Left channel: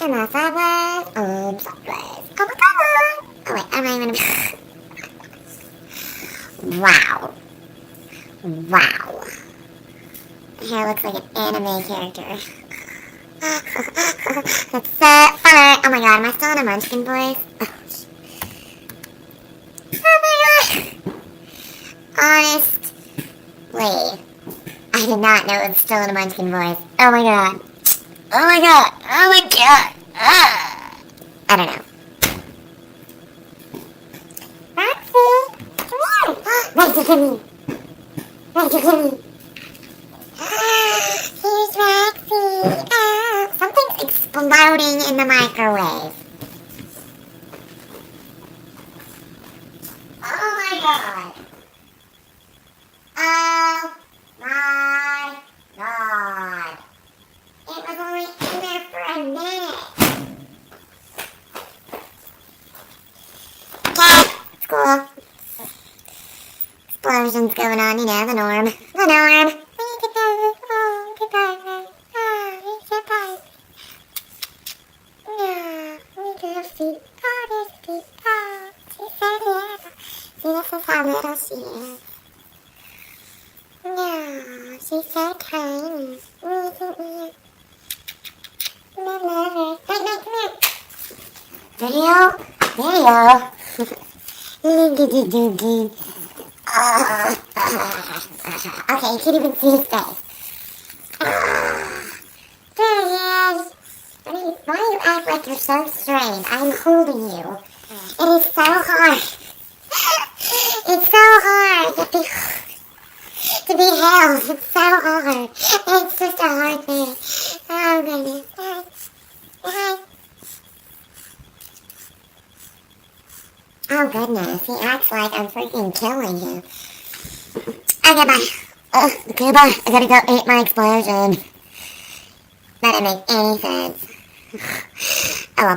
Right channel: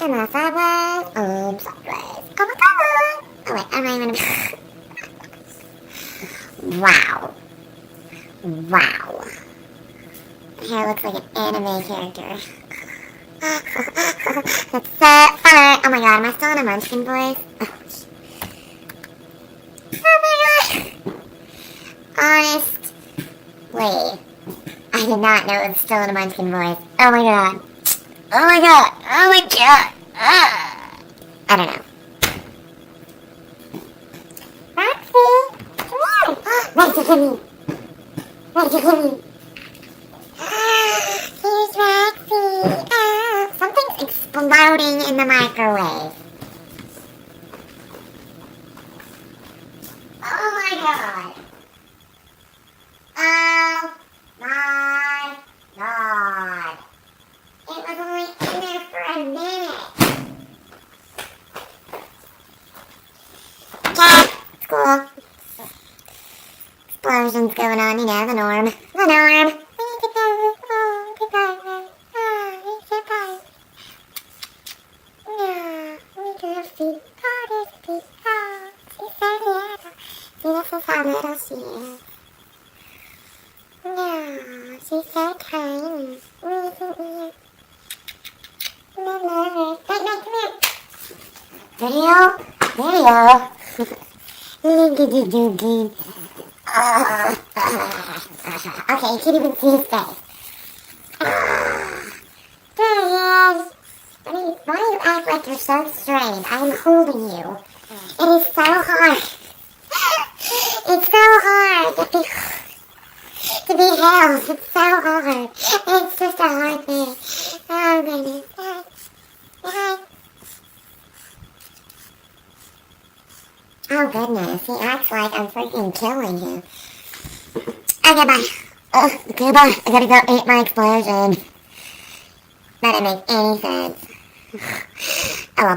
in my sideways, sideways. Oh my god! Oh wait, I'm not even. Wow. Wow. Hair looks like an anime character. It's so fun. Oh my god, am I still in a munchkin voice? Oh my god. Honestly, I did not know it was still in a munchkin voice. Oh my god. Oh my god. Oh my god. Ah. I don't know. Roxy, come here. Roxy, come here. Roxy, come here. Here's Roxy. Something's exploding in the microwave. Oh my god. Oh my god. It was only in there for a minute. Cat, school. Explosions going on, you know, the norm. The norm. This is how little she is. Yeah, she's so tiny. Mama, come here. Video? Okay, you can't even see his face. Dad, why do you act like you're so strange? I'm holding you. It is so hard. It's so hard to be held. It's so hard. It's just a hard thing. Oh, goodness. Oh, goodness. He acts like I'm freaking killing him. Okay, bye. Goodbye. I gotta go eat my explosion. That didn't make any sense. Oh, well.